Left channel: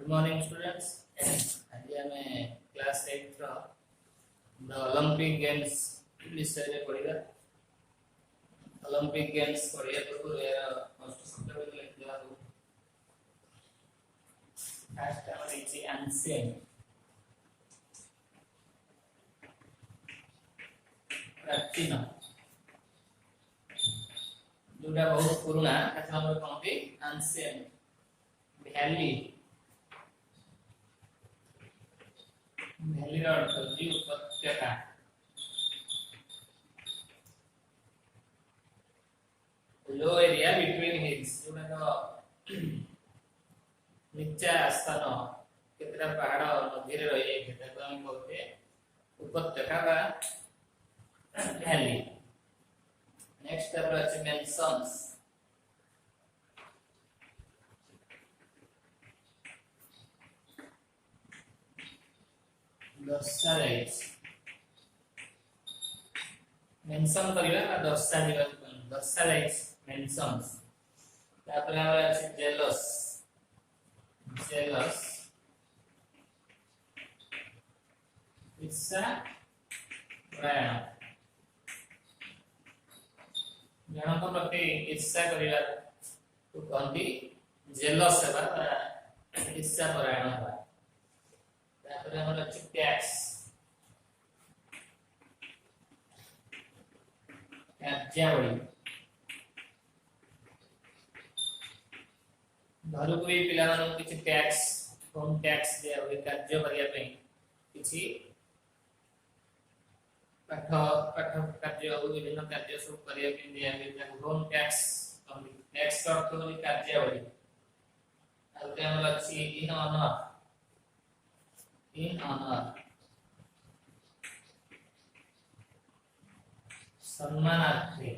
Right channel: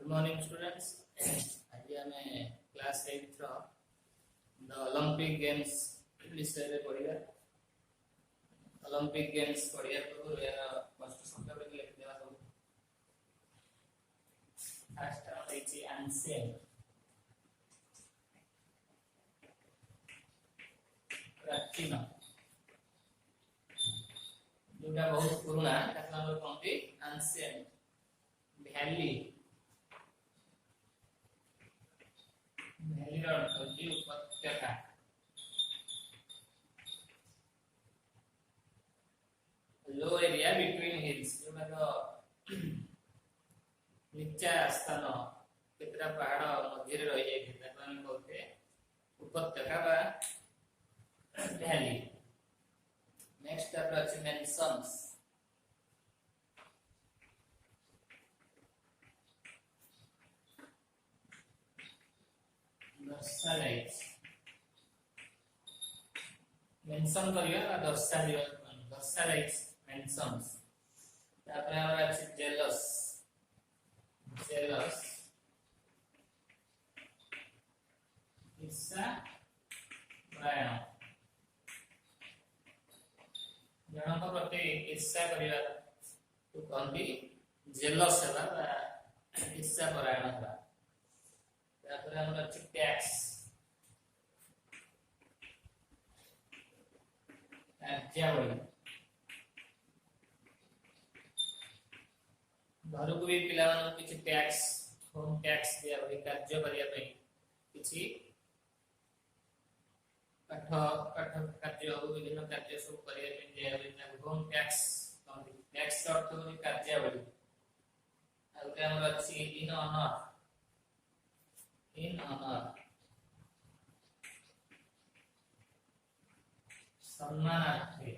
Good morning students. आज आम class 8 the Olympic games विषय में पढ़िबा। ओलंपिक गेम्स पढ़िया पूर्व यार फर्स्ट शब्द को लिख देबा। फर्स्ट हमर इछि एंशिएंट, प्राचीन, जोटा बहुत पुराना ताके हमर कहते एंशिएंट। वैली, वैली रो अर्थ होची उपत्यका। लो एरिया बिटवीन हिल्स, जोटा तो नीचा स्थान केतरा पहाड़ मध्य रे रही जाय ताको हम कहते उपत्यका बा वैली। नेक्स्ट तापर अछि मेंशन्स। दर्शाइज, मेंशन करिया ना दर्शाइबा, दर्शाइज मेंशन्स। तापर हमरा अछि जेलस, जेलस ईर्षा परायण, जनक प्रति ईर्षा करिया तो कहती जेलस हेबा, ईर्षा परायण हेबा। तापर हमरा अछि टैक्स, कार्यावली। घर को भी पिला मानन किछि टैक्स, होम टैक्स दिया होय कार्य करिया पई किछि पाठ कार्य हो विभिन्न कार्य सब करिया पई दिया होय ताको होम टैक्स कहନ୍ତି। टैक्स अर्थ होय कार्यावली। आ हमरा अछि इन ऑनर, इन ऑनर सम्मानार्थे,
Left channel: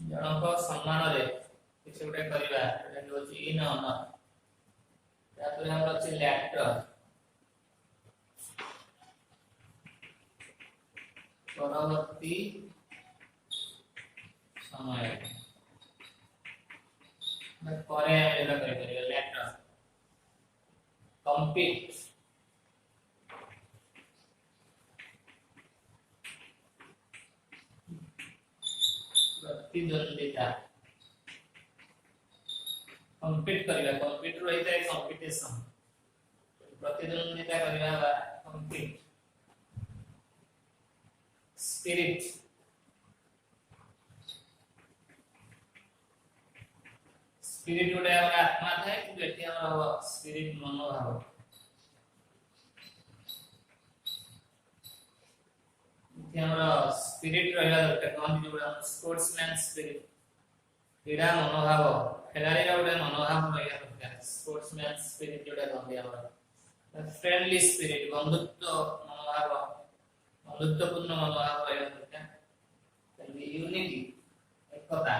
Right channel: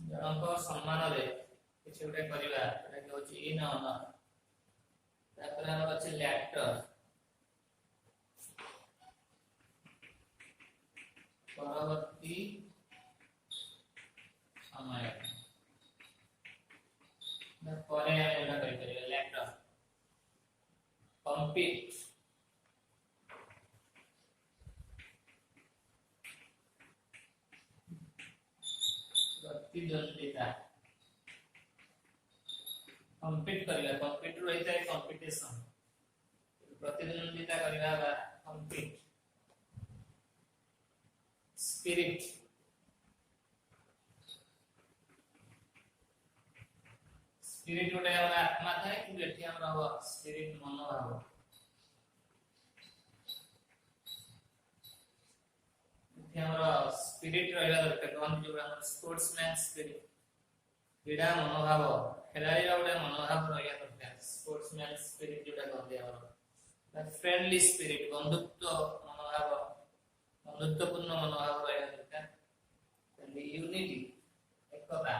जनक सम्मान रे किछ उठे करिवा एटा होची इन ऑनर। तापर हमरा अछि लेटर, परवर्ती समय मैं करे एटा करि करिया लेटर। कम्पीट, प्रतिद्वंदिता, कम्पीट करिया, कम्पीट रहिता है कंपटीशन, प्रतिद्वंदिता करिया बा कम्पीट। स्पिरिट, स्पिरिट गोटे हमरा आत्मा थाए कि एठी हमरा स्पिरिट मनोभाव। एठी हमरा स्पिरिट रहला दरकार कोन जोड़ा स्पोर्ट्समैन स्पिरिट, क्रीड़ा मनोभाव, खेलाड़ी रा गोटे मनोभाव रहला दरकार। स्पोर्ट्समैन स्पिरिट जोड़ा कहंदी हमरा। फ्रेंडली स्पिरिट, बंधुत्व मनोभाव, बंधुत्वपूर्ण मनोभाव रहला दरकार। यूनिटी, एकता।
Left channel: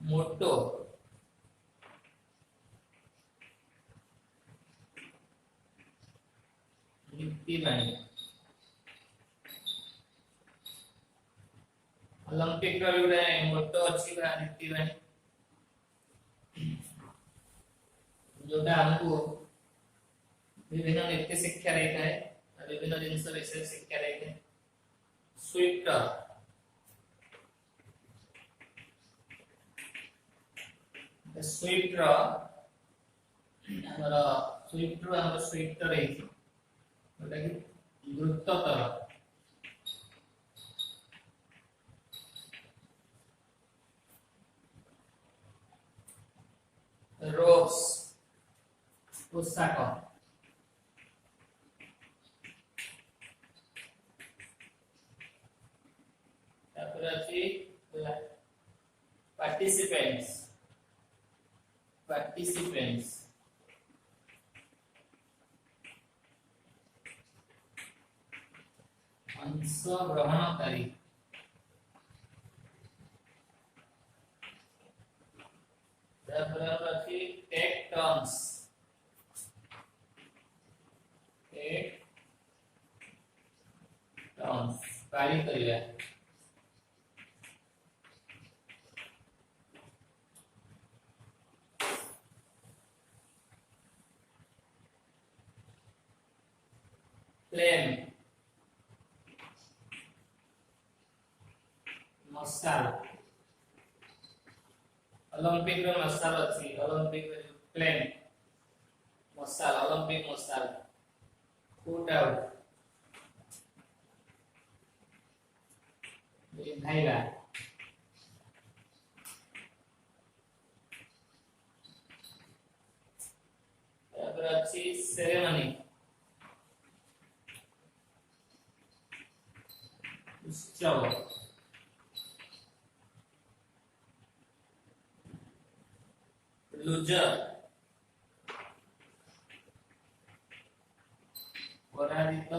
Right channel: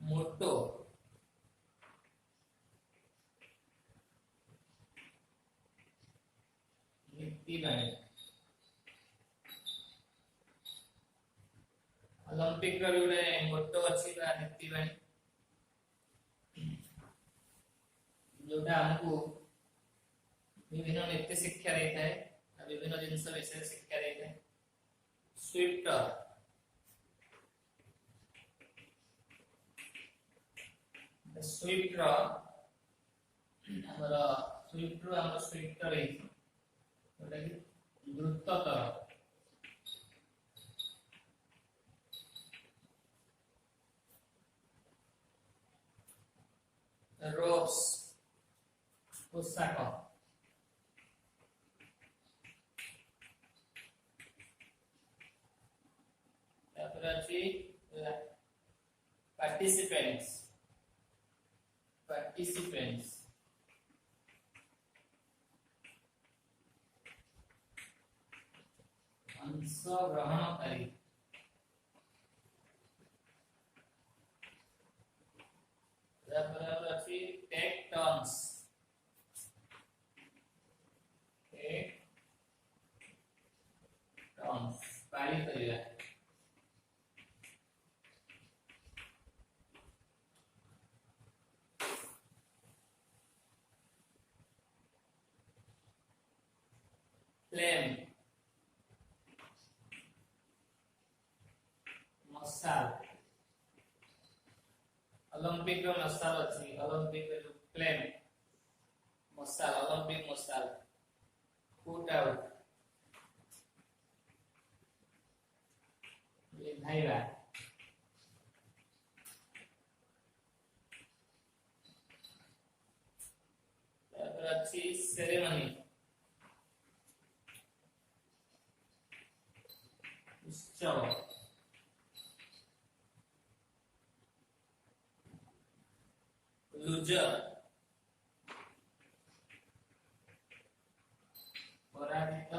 मोटो, नीति बाणी। ओलंपिक रो जोड़े मोटो अछि बा नीति बाणी, जोटा हमको विभिन्न नीति शिक्षा देता है, विभिन्न जिनिस विषय शिक्षा देता है। स्विफ्टर, स्विफ्ट रो हमरा स्विफ्ट रो हमरा स्विफ्टर है जोटा कि द्रुततर। रोप्स, पोशाक। तापर अछि पार्टिसिपेंट्स, पार्टिसिपेंट्स अंशग्रहणकारी। तापर अछि टेक टर्न्स, टेक फ्लेम मसाल ओलंपिक रो मसाल अछि ओलंपिक रो फ्लेम मसाल ओलंपिक मसाल पुट आउट ये भाईला तापर अछि सेरेमनी उत्सव लूजर पराजित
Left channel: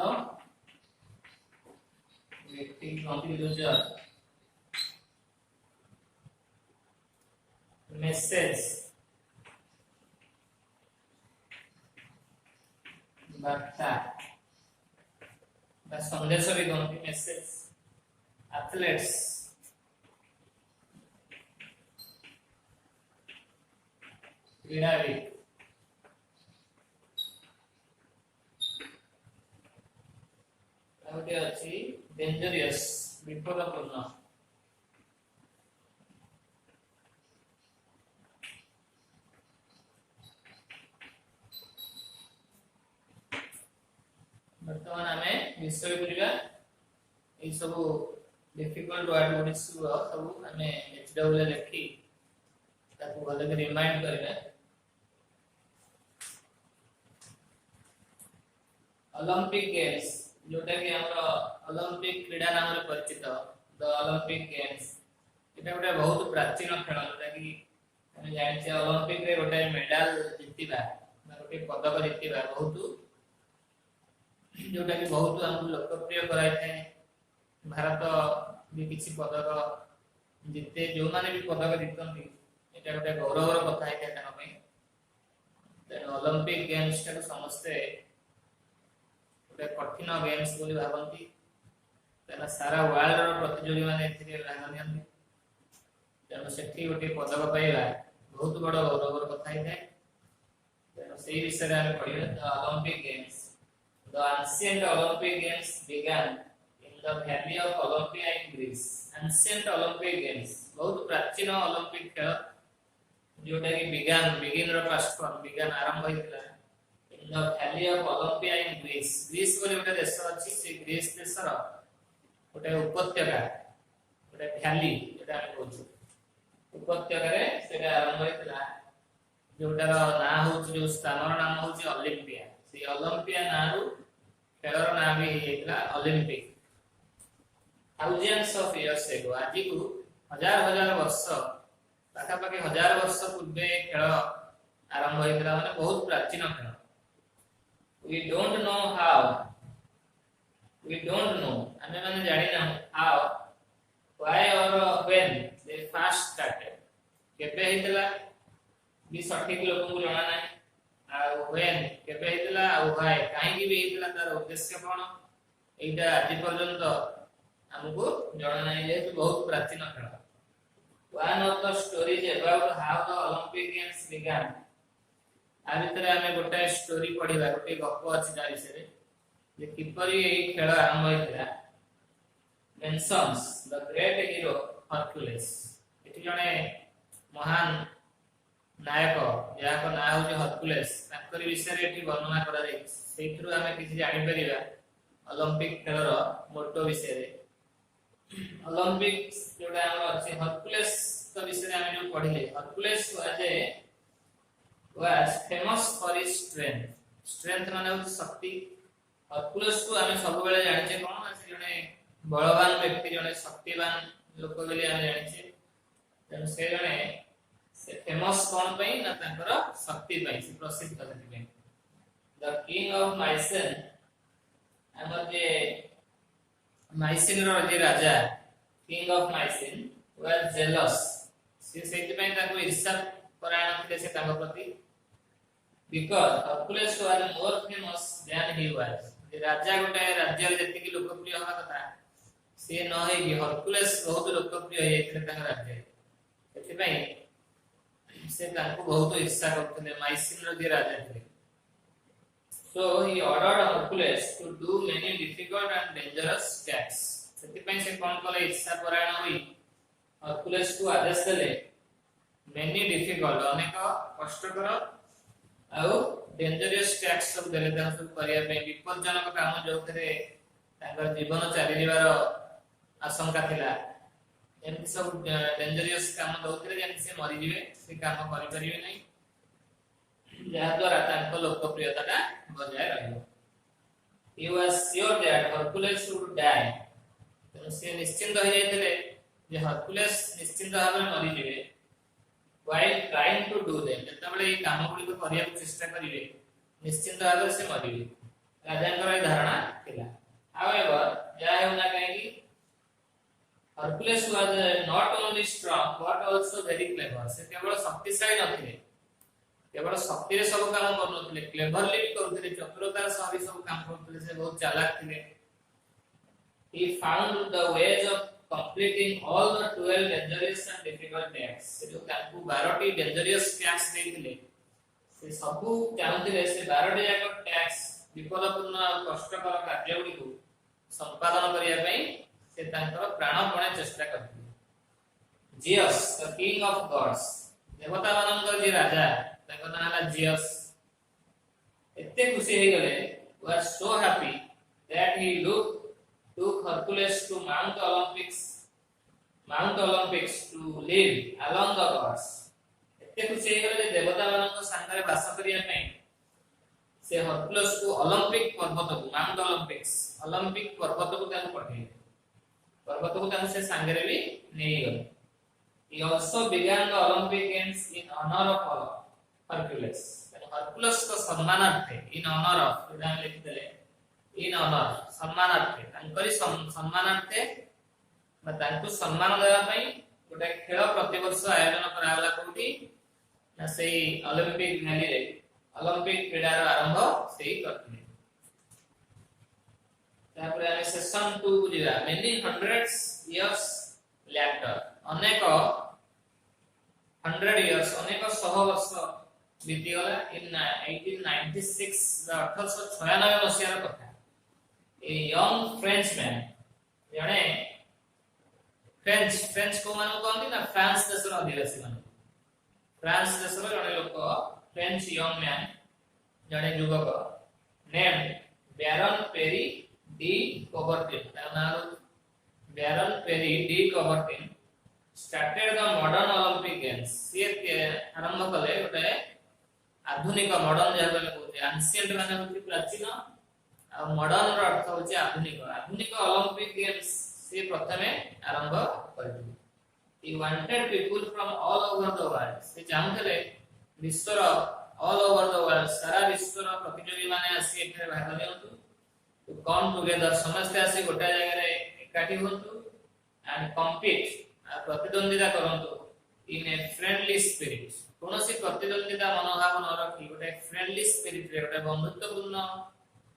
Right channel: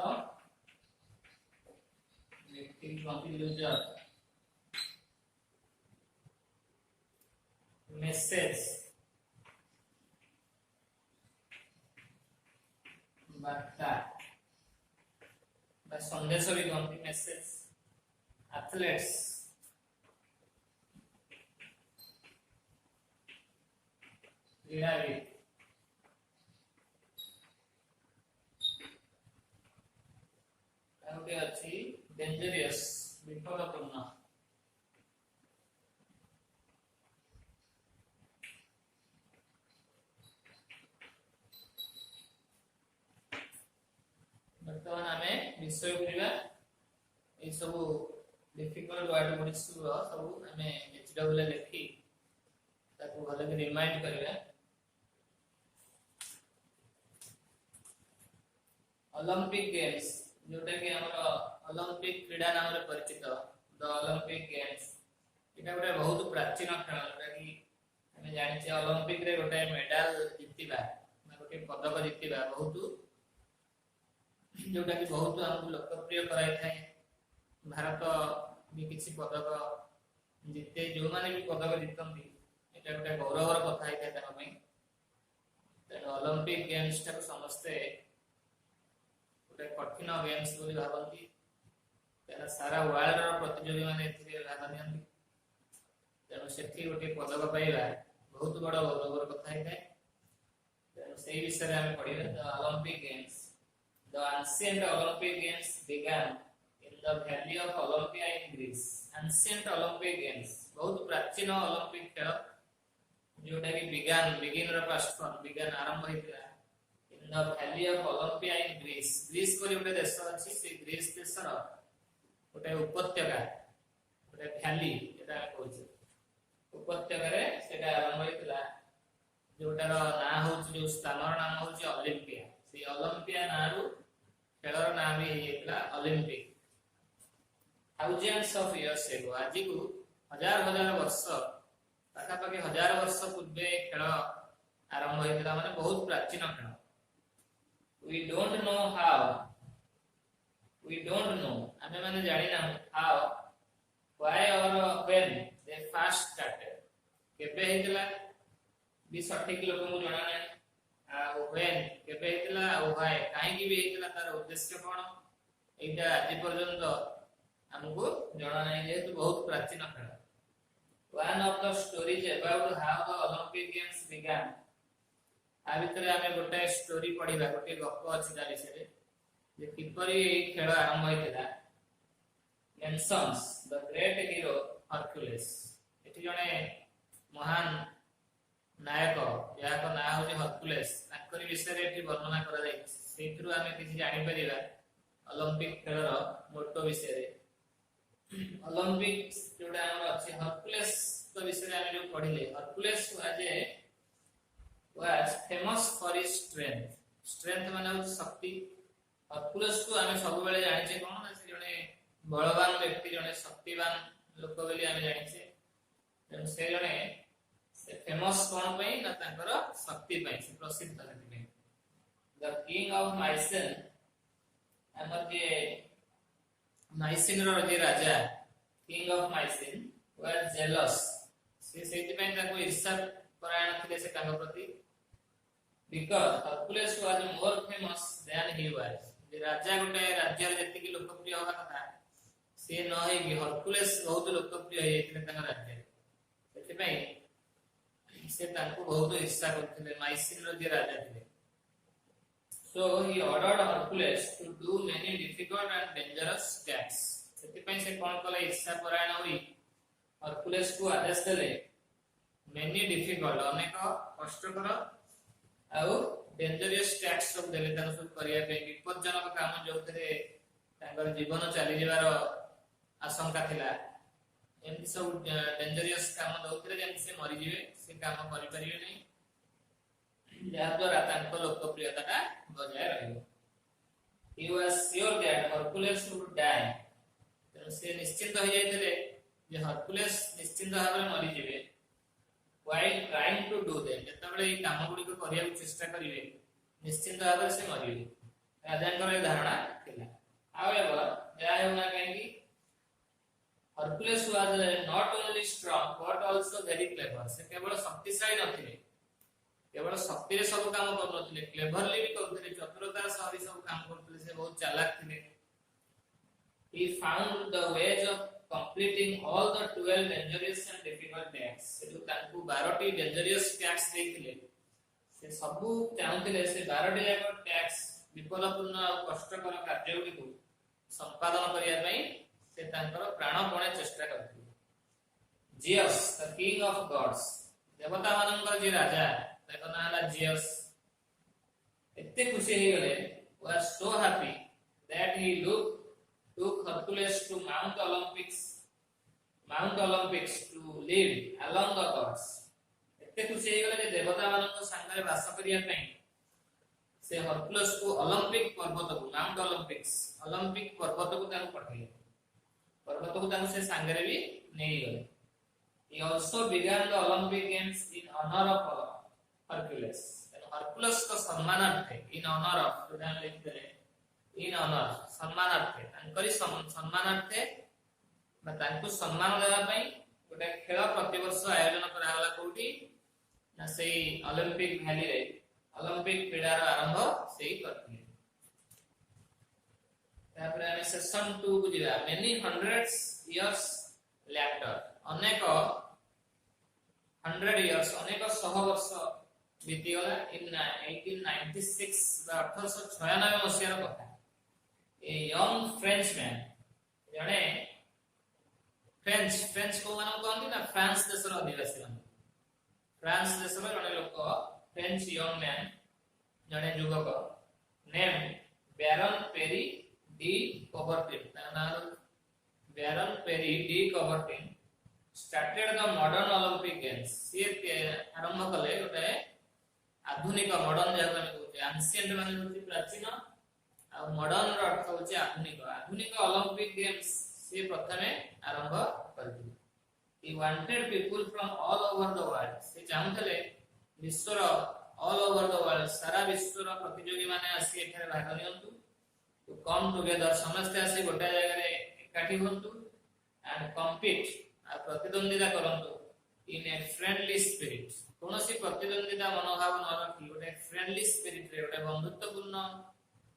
व्यक्ति कौन लूजर मैसेज वार्ता बा संदेश भी कौन मैसेज एथलेट्स क्रीड़ाविद आउटे अछि डेंजरियस विपदपूर्ण वर्तमान आमे विषय करिया ए सब डिफिकल्ट वर्ड गुडी सब आमे एचडब्ल्यू लिखि ताको भले के रिमाइंड करिया ओलंपिक गेम्स जोटा कि हमर ओलंपिक क्रीडा नाम रे परिचित द ओलंपिक गेम्स एटा गोटे बहुत प्राचीन खेल जोटा कि हम जानि छै ओलंपिक रे गोटे मेडल जितिबा गोटे पदक जितिबा बहुत जोटा कि बहुत हम लोकप्रिय कराय थे भारत भी किसी पदक जिते जो माने भी पदक जितନ୍ତି एटा गोटे गौरवर कथा है ताका पई तेनो ओलंपिक गेम्स टा समस्ते गोटे कठिन गेम्स बोली भाबंती तेना सारा वर्ल्ड रो प्रतियोगी माने एथिरे भाग नियंती तेनो सेठी गोटे पदक पाइला बहुत बड़ गौरवर कथा है तेनो सेही विषय रे हम पढिबे the Olympic games the ancient Olympic games began in the valley of Olympia in Greece ancient Olympic games बहुत प्राचीन ओलंपिक खेल जोटा कि बिगिन रो पास्ट फॉर्म बिगन आरंभ होइतला in the valley of Olympia in Greece Greece बोली गोटे देश अछि से ग्रीस देशर गोटे उपत्यका गोटे वैली जेटा हम कहू उपत्यका रे सेटा आरंभ होइतला जोटार ना होछि जो स्थानर नाम होछि ओलंपिया से ओलंपिया नारु खेलर ना भी हेतला Olympic thousands of years ago आजि को हजार हजार वर्ष पाखा पाखी हजार वर्ष पूर्वे खेल आरंभ होइतला माने बहुत प्राचीन खेल we don't know how we don't know हमें माने जानि ना how why or when they first started केबे हेतला भी सठिक लोक को जाना नै आ when केबे हेतला आ why काहे की भी हेतला तार उद्देश्य कोन एटा आज पर्यंत हमको जाना नै जे बहुत प्राचीन खेल one of the stories about how the Olympic games began आ भितर हमें गोटे स्टोरी पढिबा गोटे गप अछि ता विषय रे जे किपरि ए खेल आरंभ होइतला mentions the great hero Hercules एठी जने महान नायक याको ना होजे हरक्युलिस ताकरी विषय रे एठी वर्णना करा जाय सेठरु हमें किछि जानि परिबा ओलंपिक खेलर मोटो विषय रे ओलंपिक्स जोडा हम अछि हरक्युलिस तो विषय रे हमें जो पढिले Hercules was famous for his strength माने हो शक्ति हरक्युलिस को हमें सब बेले जानि छै कोन से जने बलवान व्यक्ति जने शक्तिवान लोक बेले हम जानि छै तन से जने से फेमस कोन पई ना तांकर शक्ति पई से प्रसिद्ध करथि द किंग ऑफ माइसेन हमर जे माइसेन रो जे राजा किंग ऑफ माइसेन was jealous से सेति पई ताको ईर्ष्या परायण थिले से ताको प्रति because Hercules was more famous than he was जे राजा गोटे राज्य रे जति की लोकप्रिय होगा कथा से न है कि हरक्युलिस बहुत लोकप्रिय है एतले ताका राज्य एति पई से ताको बहुत ईर्ष्या करथले माइसिन रो जे राजा थे So he ordered Hercules to do many difficult and dangerous tasks. ସେଥିପାଇଁ ସେ କଣ କଲେ ଇଚ୍ଛା ପରାୟଣ ହୋଇ ହରକୁଲେସ୍ କୁ ଆଦେଶ ଦେଲେ many difficult ଅନେକ କଷ୍ଟକର ଆଉ ଡେଞ୍ଜରିୟସ୍ ଟାସ୍କ ସବୁ ଦେଲେ ତାଙ୍କୁ ସବୁ କରିବା ପାଇଁ ବିପଜ୍ଜନକ କାମ ଯୋଉଥିରେ ତାଙ୍କର ଜୀବନ ଚାଲିଯିବାର ଆଶଙ୍କା ଥିଲା ଏମିତି ସବୁ ଡେଞ୍ଜରିୟସ୍ କାମ ଦଉଥିଲେ ଯେମିତି ସେ ମରିଯିବେ ସେ କାମ କରିପାରିବେ ନାହିଁ ଯାହାଦ୍ୱାରା ତାଙ୍କ ଲୋକପ୍ରିୟତାଟା ବଜାୟ ରହିବ he was sure that Hercules would die ତେଣୁ ସେ ନିଶ୍ଚିନ୍ତ ହୋଇଯାଇଥିଲେ ଯେ ହରକୁଲେସ୍ ନିଶ୍ଚିନ୍ତ ଭାବରେ ମରିଯିବେ while trying to do them ଯେତେବେଳେ ଏହି କାମ ଗୁଡ଼ିକ କରିବାକୁ ଚେଷ୍ଟା କରିବେ ନିଶ୍ଚିନ୍ତ ଭାବରେ ସେ ମରିବେ ରାଜାଙ୍କର ଏହି ଧାରଣା ଥିଲା however ଯାହା ହେଉନା କାହିଁକି Hercules was not only strong but also very clever ସେ କେବଳ ଶକ୍ତିଶାଳୀ ନଥିଲେ केवल शक्ति रे सब काम करनथिले क्लेवरली भी करथिले चतुरतार सह भी सब काम करथिले से बहुत चालाक थिले he found the ways of completing all the 12 dangerous and difficult tasks से जो ताकू 12 टी dangerous tasks देथिले से सब चाहथिले से 12 टी जाक टैक्स विफलपूर्ण और कष्टकर कार्य गुडी को संपादन करिया पई से तांकर प्राणपणे चेष्टा करथिले Zeus the king of gods देवता मानकर जे राजा ताको नाला जियस एते खुशी हे गले was so happy that he took Hercules to Mount Olympus to live along the gods एते खुशी हे गले देवता मानक संगरे वास करिया पई से हरकुलस को ओलंपिक पर्वत को माउंट ओलंपिक पर्वत को तान पठे पर्वत को तान से संगरे भी नहीं गले he also began the Olympic games in honor of Hercules Hercules को सम्मानार्थे इन ऑनर ऑफ उदाहरण लिख देले इन ऑनर सम्मानार्थे तांकरी सम्मानार्थे बा तांकु सम्मान देबा पई गोटे खेल प्रति वर्ष आयोजन कराला कोठी ना सेही ओलंपिक वैली रे ओलंपिक क्रीडार आरंभ सेही करथिले तापर ଆମେ सेशन 2 को जिवा मेनी हंड्रेड्स इयर्स लेटर अनेक 100 इयर्स अनेक 100 वर्ष बीतीगला इन 1896 1896 मसियार कथा ए यंग फ्रेंचमैन जणे फ्रेंच को माने कहंती ना फ्रांस देशर अधिवासी माने फ्रांस देशर जणे लोक फ्रेंच यंग मैन जणे युवक name Baron Pierre de Coubertin नाम Baron Pierre de Coubertin started the modern Olympic games से आरंभ कले गोटे आधुनिक मॉडर्न जहां में कहते एंशिएंट माने होती प्राचीन आ मॉडर्न रो अर्थ होची आधुनिक ओलंपिक गेम्स से प्रथमे आरंभ करथि he wanted people from all over the world से चाहूतले विश्वर all over the world सारा विश्वर प्रतियोगी माने आसी एठारे भाग नियंतु to come together समस्त आसी गोटा जगह रे एकाठी होंतु and compete आ प्रतिद्वंदिता करंतु in a friendly spirit कोनोसी प्रतिद्वंदिता मनोभाव न रखी गोटे फ्रेंडली स्पिरिट रे गोटे बंधुत्वपूर्ण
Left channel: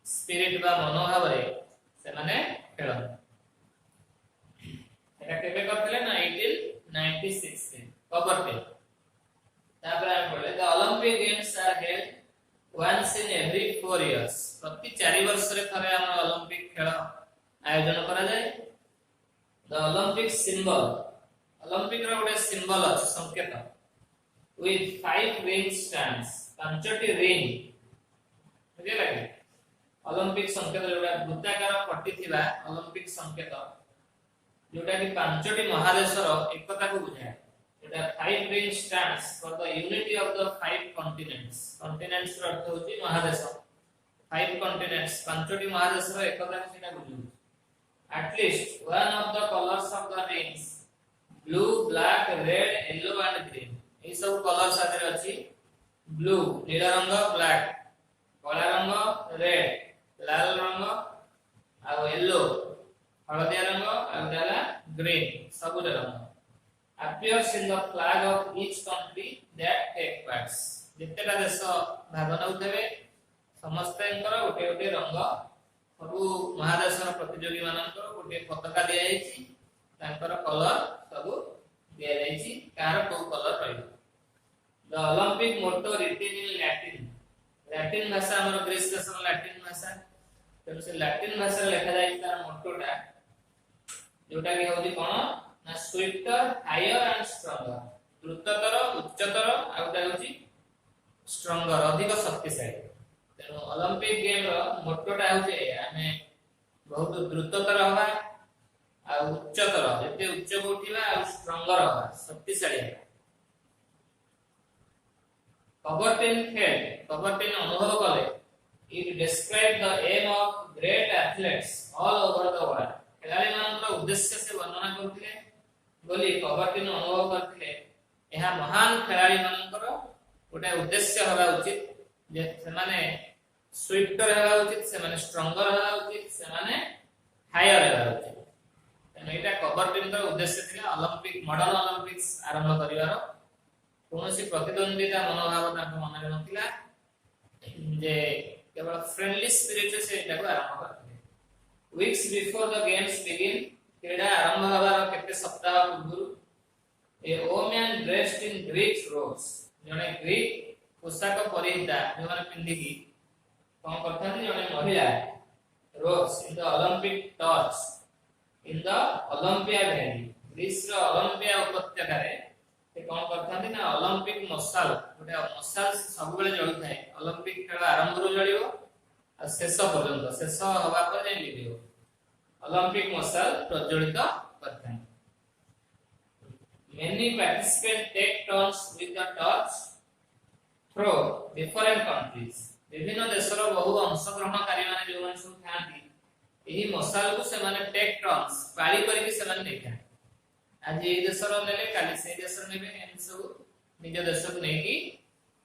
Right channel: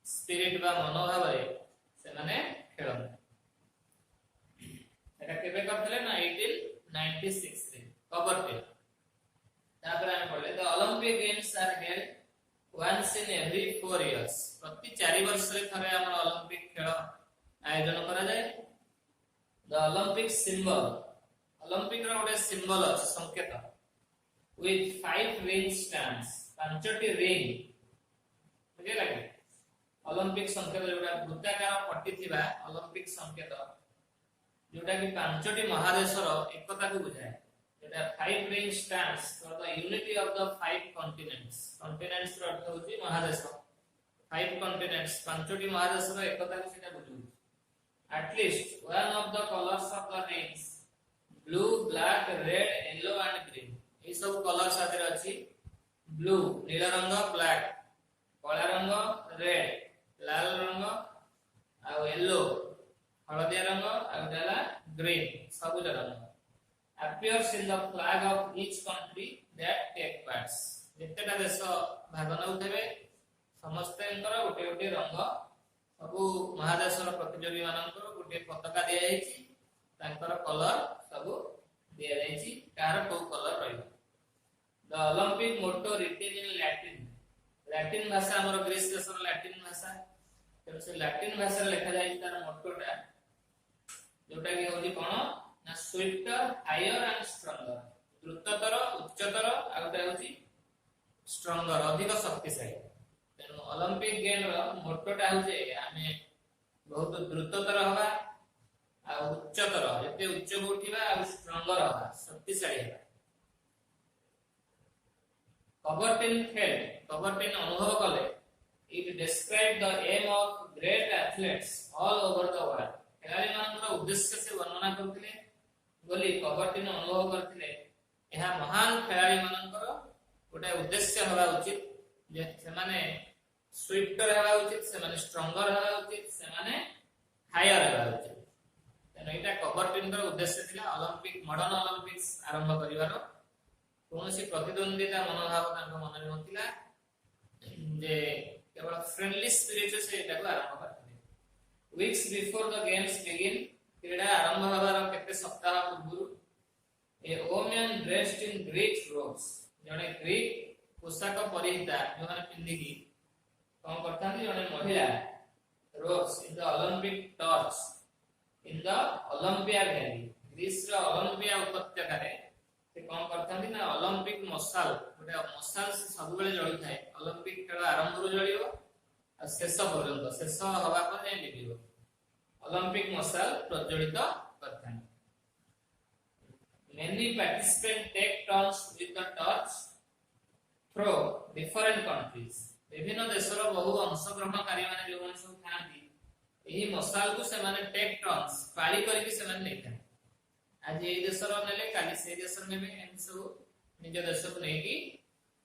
स्पिरिट बा मनोभाव रे से माने खेलन एटा केबे करथिले ना 1896 रे कबरटे तापर हम बोले the Olympic games are held once in every 4 years प्रति 4 वर्ष रे थरे हम ओलंपिक खेल आयोजन करा जाय द ओलंपिक सिंबल ओलंपिक रो गोटे सिंबल अछि संकेत with 5 ring stands पांचटी रिंग बुझे लागे ओलंपिक संकेत जोडा वृत्ताकार पट्टी थिबा ओलंपिक संकेत जोडा कि पांचटी महादेशर एकता को बुझाय जोडा 5 ring stands for the unity of the 5 continents continents रो अर्थ होची महादेश 5 continents पांचटी महादेशर एकता को सेटा बुझू at least one of the colors of the rings blue black red yellow and green ए सब कलर साथे अछि ब्लू नीला रंग ब्लैक काला रंग रेड लाल रंग आ येलो हळदिया रंग आ उदाला ग्रीन सबुज रंग appears in the flag of each country that take parts जेतेटा देश भाग नउथबे समस्तनकर गोटे गोटे रंग सबु महादेशर प्रतियोगी मानकर गोटे पताका दिया जायछि तांकर कलर सबु दिया जायछि कार को कलर रहइबो The Olympic motto written in Latin Latin भाषा हमर ग्रीस देशर लैटिन भाषा तेणु से लैटिन भाषा लिखा जाय तार मोटोटा जोटा कि होली कोन ना स्विफ्टर हायर एंड स्ट्रॉन्गर द्रुततर उच्चतर आउटा होची स्ट्रॉन्गर अधिक शक्तिशाली तेणु ओलंपिक गेम रो मोटोटा होचे आमे बहुत द्रुततर हवा आ उच्चतर जते उच्च को उठिबा आ स्ट्रॉन्गर हवा शक्तिशाली हवा कबर्टिन खेल कबर्टिन अनुभव कले it described the aim of great athletes all over the world खेलाड़ी मानकर उद्देश्य से वर्णना करथिले बोली कबर्टिन अनुभव करथिले एहा महान खेलाड़ी मानकर गोटे उद्देश्य हवा उचित जे से माने स्विफ्टर हवा उचित से माने स्ट्रॉन्गर हवा उचित से माने हायर हवा उचित तेन एटा कबर्टिन कर उद्देश्य थिला ओलंपिक मॉडर्न ओलंपिक्स आरंभ करिवार कोनोसी प्रतिद्वंदिता मनोभाव ताको मनरे नथिला जे केवल फ्रेंडली स्पिरिट से एटा को आरंभ करथिले weeks before the games begin क्रीडा आरंभ हबार केते सप्ताह पूर्व ए ओमन ड्रेस्ड इन ग्रीक रोब्स जने ग्रीक पोशाक परिहिता जो माने पिंदी की कोन करथानी जने महिला robes in the Olympic torch in the Olympia valley Greece रो ओलंपिया उपत्यका रे से कोन करथानी ना ओलंपिक मसाल गोटे मसाल सब बेले जळि थाए ओलंपिक खेल आरंभ रो जळियो आ शेष पर्यंत शेष हवा पर जाय लिबियो ओलंपिक मसाल प्रज्वलित करथाए many participants take turns with the torch through different countries विभिन्न देशर बहु अंशग्रहणकारी माने जो माने सब थांती एही मसाल को से माने टेक टर्न्स पाली करी से माने देखा आज ए देशर नेले काली से देशर नेबे एम सब निज देश को नै कि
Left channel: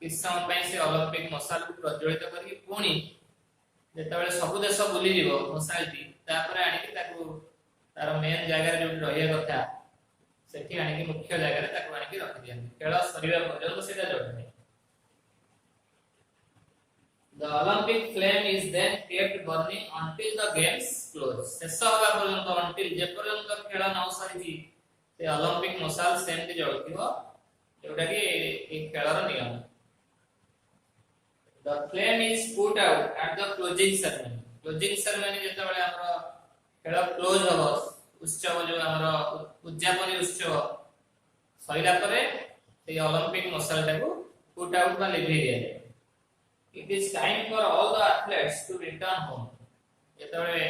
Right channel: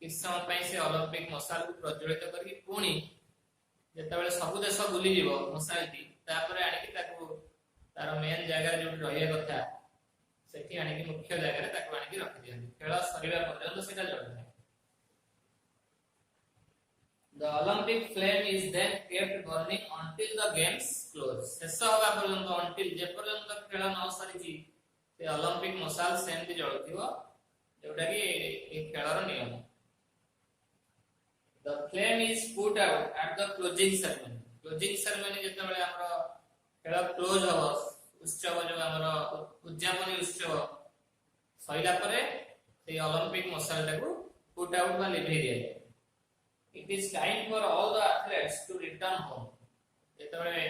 किस समय पय से ओलंपिक मसाल को प्रज्वलित करी पुणी जेतबे सब देश बुली जीवो मसालटी तापर आनी कि ताको तार मेन जगह जो रहिया कथा सेठी आनी कि मुख्य जगह रे ताको आनी कि रख दियन खेल शरीर पर्यंत सेटा जळने The Olympic flame is then kept burning until the games close. शेष होगा पर्यंत until जे पर्यंत खेल न सरीची से ओलंपिक मसाल सेमती जळथिबो जोटा कि ए खेलर नियम The flame is put out at the closing ceremony. Closing ceremony जेतबेले हमर खेल क्लोज हबो उत्सव जो हमर उद्यापनी उत्सव सरीला परे से ओलंपिक मसाल टाको पुट आउट बा लिभि दिए It is time for all the athletes to return home. जेतबेले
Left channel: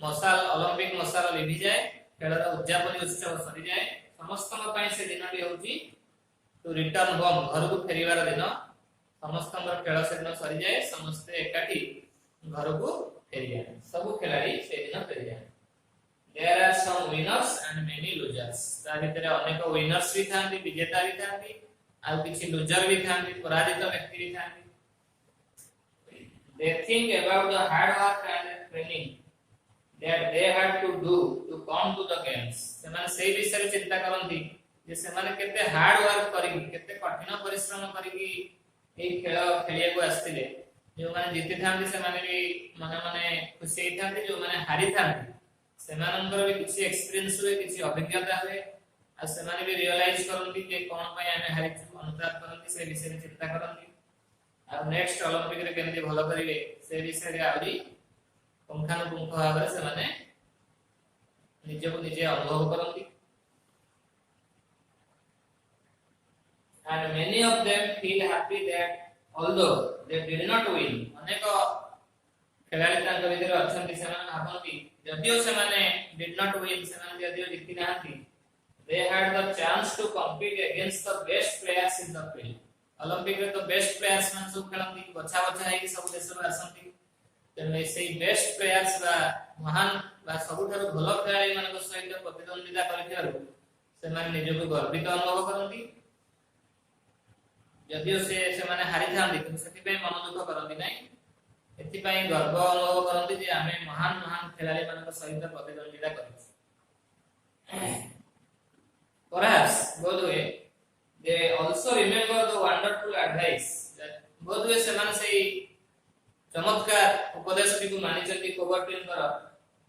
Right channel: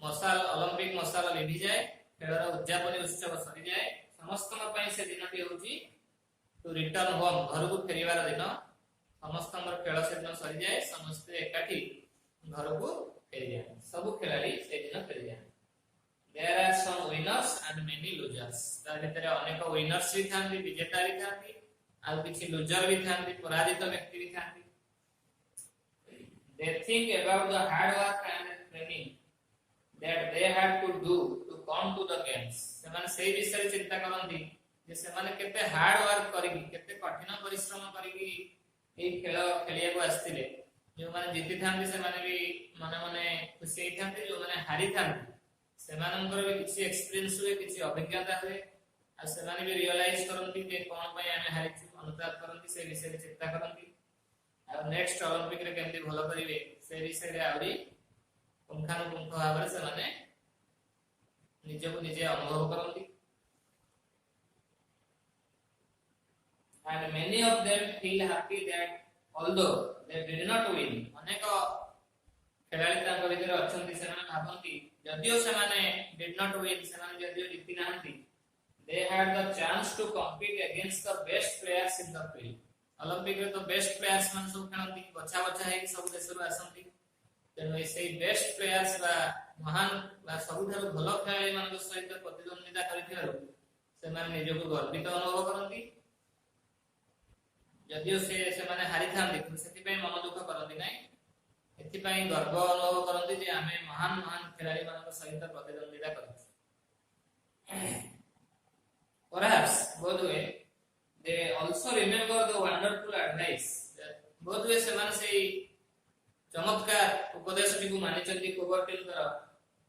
मसाल ओलंपिक मसाल लिभि जाय खेलर उद्यापनी उत्सव सरी जाय समस्तन पय से दिनटी होची टू रिटर्न होम घर को फेरिवार दिन समस्तन खेल से दिन सरी जाय समस्त एकाठी घर को फेरि जाय सब खिलाड़ी से दिन फेरि जाय There are some winners and many losers. ता भितर अनेक विनर्स भी थांती विजेता भी थांती आ किछि लूजर भी थांती पराजित व्यक्ति भी थांती They think about the hard work and training that they had to do to come to the games. सेमाने सेही विषय चिंता करंती जे सेमाने केते हार्ड वर्क करी केते कठिन परिश्रम करी कि ए खेल खेलिया को आस्तिले जो माने जीति थांती सेमाने भी माने माने खुशी हे थांती जो माने हारी थांती सेमानंकर भी किछि एक्सपीरियंस हुए किछि अभिज्ञता हुए आ सेमाने भी रियलाइज करंती जे कोन पय आमे हारिछु अनुताप करंती से विषय चिंता करंती आ नेक्स्ट ओलंपिक रे केमती भलो करिवे से विषय रे आउरी पुंखानुपुंख भाबरे से माने निजे को निजे अनुभव करंती and many of them feel happy that although they did not win अनेक खेलाड़ी तांको भितर अछंती से माने भाबंती जदियो से माने did not win से माने जदियो जिति नाहंती they had the chance to compete against the best players in the field Olympic रे तो बेस्ट प्लेयर्स मन सब खेलंती बच्चा बच्चा है कि सब देश रो आसंती तेने से बेस्ट प्लेयर्स बा महान बा सबुठारो भलो खेलाड़ी मन को सहित प्रतिद्वंदिता करिथारो से माने निज को गर्वित अनुभव करंती यदि से माने हारि थांती तो सेति पे मन दुख करंती नै एति पई गर्व अनुभव करंती जे आमे महान महान खेलाड़ी मन को सहित प्रतिद्वंदिता करिछु परहाps both way they also remember the wonderful advice that both way semane sei चमत्कार उपदेश को मानि चंती कबर्टिन कर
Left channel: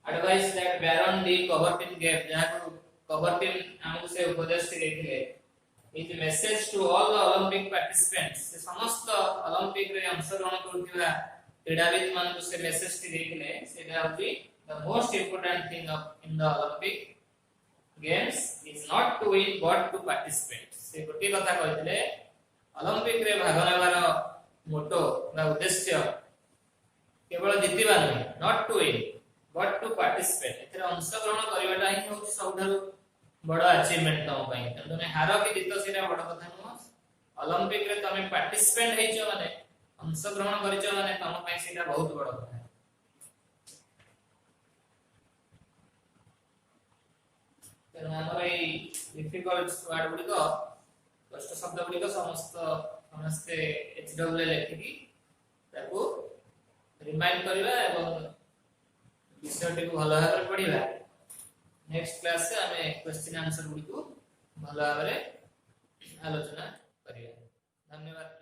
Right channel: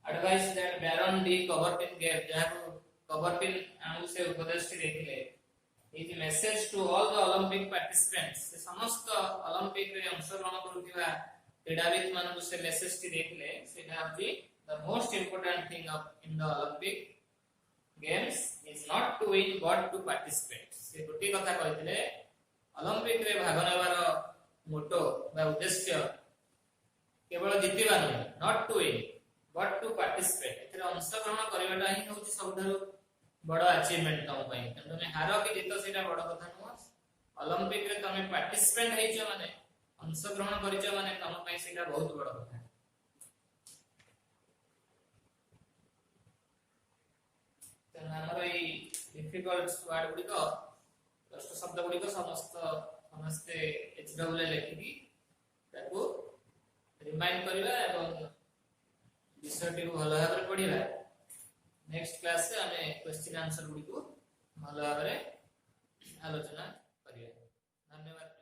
advice that Baron de Coubertin gave जहा को कबर्टिन हमको से उपदेश देथिले is message to all the Olympic participants से समस्त ओलंपिक रे अंशग्रहण करुवा क्रीडाविद मानक से मेसेज टी देखले सेटा होची the most important thing of in the Olympic games is not to win but to participate से गोटे कथा कहथिले ओलंपिक रे भाग नेबार मोटो बा उद्देश्य केवल जितिबा नहीं not to win but to participate एथरे अंशग्रहण करबाटा ही होची सबठारु बड़ा अचीवमेंट तम पई तने हार कि जीत सेटा बड़ कथा नुह ओलंपिक रे तमे पार्टिसिपेंट हेइछो माने अंशग्रहण करिछो माने तम पई सेटा बहुत बड़ कथा तेनु हमर ए डिफिकल्ट वर्ड गुडी को कष्ट शब्द गुडी को समस्त एचडब्ल्यू लिखि ताको रिमाइंड करबा एवं विषयटी को भलो भाबरे पढिबा नेक्स्ट क्लास से हमें क्वेश्चन आंसर गुडी को भलो भाबरे आलोचना करिया धन्यवाद।